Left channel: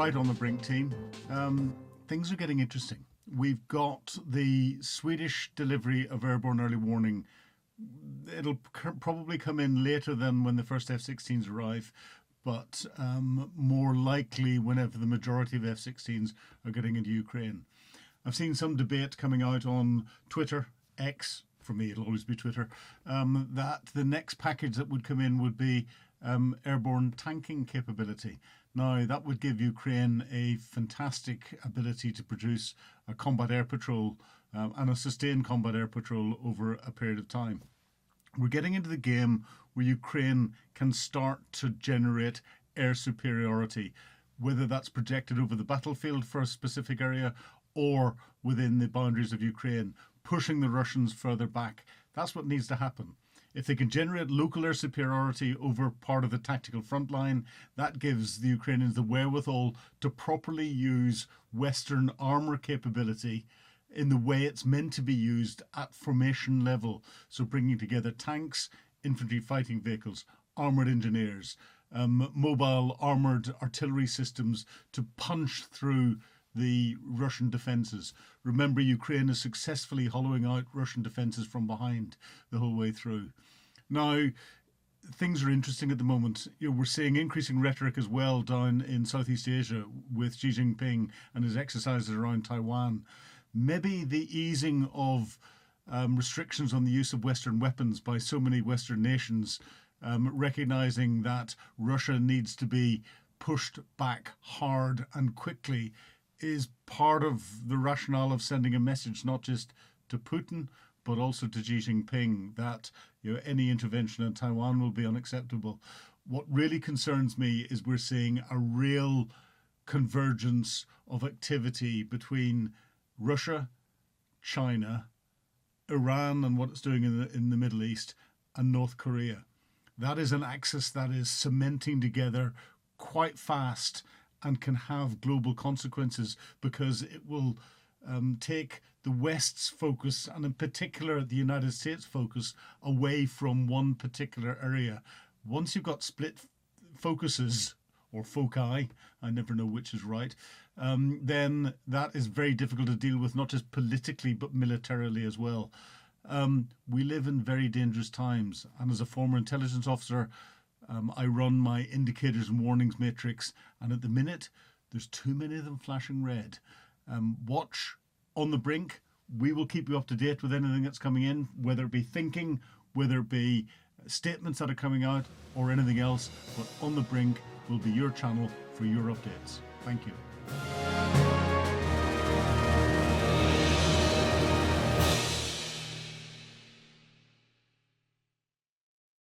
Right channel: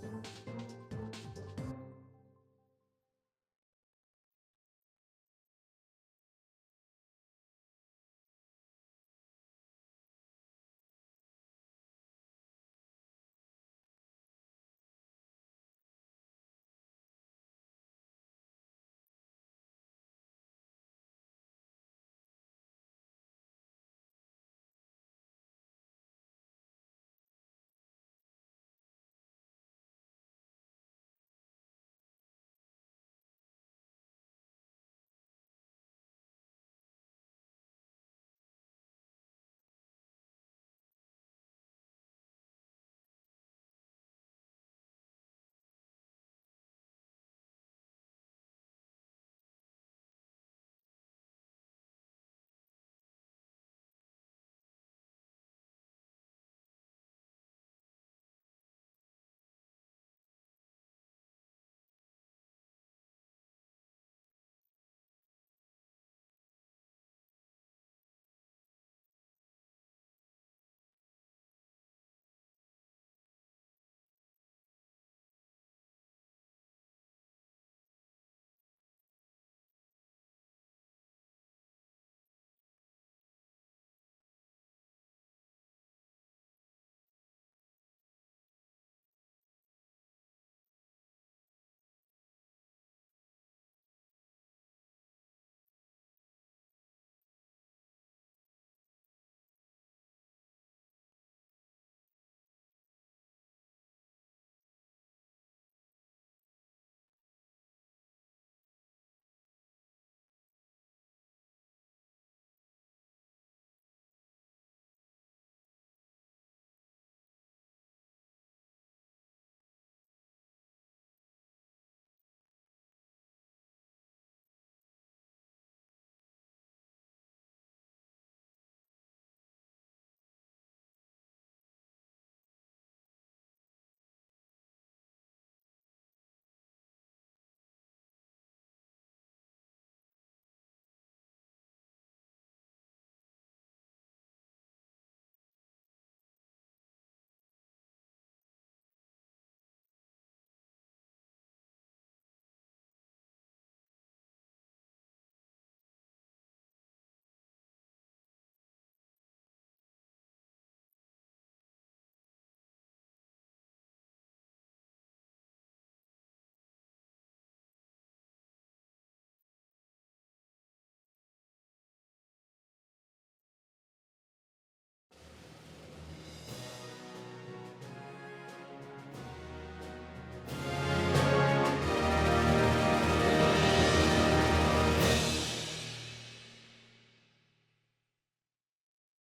right on the brink, team. Things are getting interesting. We've got the Swedish delivery of airborne early warning. It'll probably come in later than when the first F-16s arrive, but more likely whenever the majority of F-16s are getting into Ukraine. I've seen some debate coming out on Twitter, X, for me it'll always be Twitter, that the next package that would come in would be airborne tanking capability. Now, that would give Ukraine a fantastic ability to produce a combat air patrol and a sustained combat air patrol over a period of time. We're getting into the game where Ukraine can start to generate air superiority, whether that's projected over the battlefield for a specific area or within the boundaries of Ukraine, pushing the Russians further back. That's what needs to happen. If they can generate local air superiority over part of the tactical front line, that gives the Ukrainians the wherewithal to properly use Western armour capability in the way it's meant to be used at formation level. So bringing together tanks, infantry fighting vehicles, armoured engineers, mobile armoured artillery systems to punch through the Russian defences. Remember, Ukraine is successfully hollowing out Russian defences from behind the whole way through. Now, things are interesting at the moment. We're seeing increasing rhetoric as well down in Southeast Asia with Xi Jinping and his exercises around Taiwan. Maybe the easing of restrictions on the use of Western weapons by so many Western nations, recognising that Russia needs to be pushed back hard and quickly, is part of the rationale of sending a message not just to Putin but also to Xi Jinping that any intervention in Taiwan will be unacceptable. What really concerns me is we're seeing a real convergence of activity between Russia, China, Iran and what it's doing in the Middle East, and North Korea. That is an axis that is cementing together quite fast and can have global consequences because it will take the West's focus, and in particular the United States' focus, away from one particular area. Once you've got split focuses, or foci, I never know which is right, then that is very difficult to deal with, not just politically but militarily as well. We live in very dangerous times, and as a former intelligence officer, I run my indicators and warnings matrix, and at the minute there's too many of them flashing red. Watch on the brink. We will keep you up to date with anything that's coming in, whether it be thinking, whether it be statements that are coming out, or anything else. But On the Brink will be your channel for your updates. Thank you.